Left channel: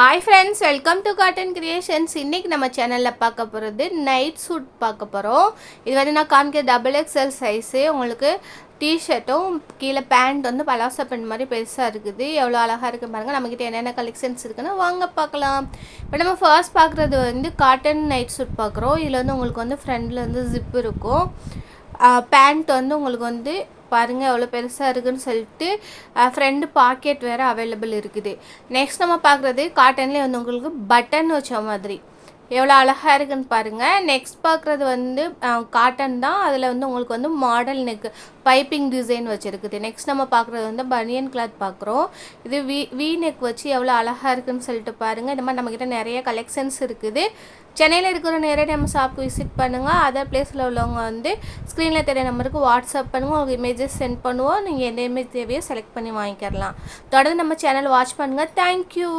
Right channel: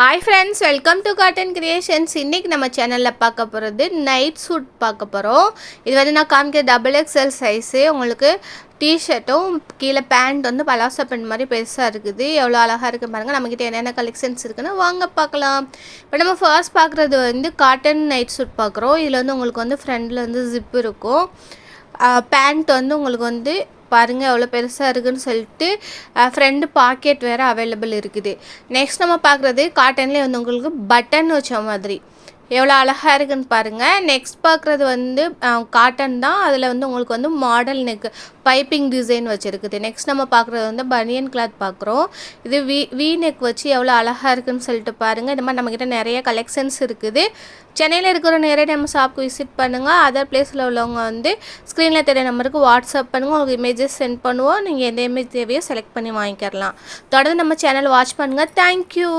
Hi friends, welcome to cotton creations. இன்றைக்கி நம்ம சேனலில் பார்க்க போகிறது நைட் சூட் பார்க்க போகிறோம். இது வந்து நான் காமிக்க டபுள் எக்ஸ்எல் சைஸு. உங்களுக்கு டிஷர்ட்டும் கீழே பேண்ட் வந்து பலாசா பேண்ட் மாதிரி பெருசாக இருக்குது. எவ்வளோ அழகாக இருக்குது பாருங்கள். நம்மக்கிட்ட என்னென்ன கலெக்ஷன்ஸ் இருக்குன்னு வாங்க பார்க்கலாம். இப்போ நம்ம ஃபர்ஸ்ட் பார்க்குறது வந்து காட்டன் நைட் சூட் பார்க்குறோம். இதில் வந்து உங்களுக்கு வந்து ஃப்ரண்டில் வந்து ஜிப் இருக்கும். பேண்ட் வந்து உங்களுக்கு வந்து பாருங்கள் எவ்வளோ பெருசாக இருக்குதுன்னு சொல்லிட்டு ஃப்ரண்ட் பாக்கெட் வேறு அவைலபிள் இருக்குது. நெக்ஸ்ட் நம்ம பார்க்குறது காட்டன்லேயே வந்து உங்களுக்கு பட்டன் வச்ச மாதிரி எவ்வளோ அழகாக இருக்குதுன்னு பாருங்கள். நெக்ஸ்ட் பார்க்குறது வந்து காட்டன் தான். அதில் வந்து உங்களுக்கு வந்து மாடல் நெக் பைப்பிங் டிசைன் வச்சுருக்குது. நெக்ஸ்ட் நம்ம பார்க்குறது வந்து பனியன் கிளாத் பார்க்குறோம். இது வி நெக் வச்சு எவ்வளோ அழகாக இருக்குதுன்னு சொல்லிட்டு பாருங்கள். இந்த மாதிரி நம்மக்கிட்ட நிறைய கலெக்ஷன்ஸ் இருக்குது. சென்னையில் இருக்கிற நிறைய நம்ம ஷாப்புக்கு விசிட் பண்ணுங்கள். அதர் பிளேஸில் உள்ளவங்க வந்து ஸ்க்ரீனில் தெரிய நம்பருக்கு வாட்ஸ்அப் பண்ணுங்கள். உங்களுக்கு இமேஜஸ் சென்ட் பண்ணுவோம். நீங்கள் எந்த இமேஜ் தேவையோ செலக்ட் பண்ணி வாங்கிக்கலாம். தொடர்ந்து நம்ம சேனல் வாட்ச் பண்ணுங்கள். தேங்க்யூ.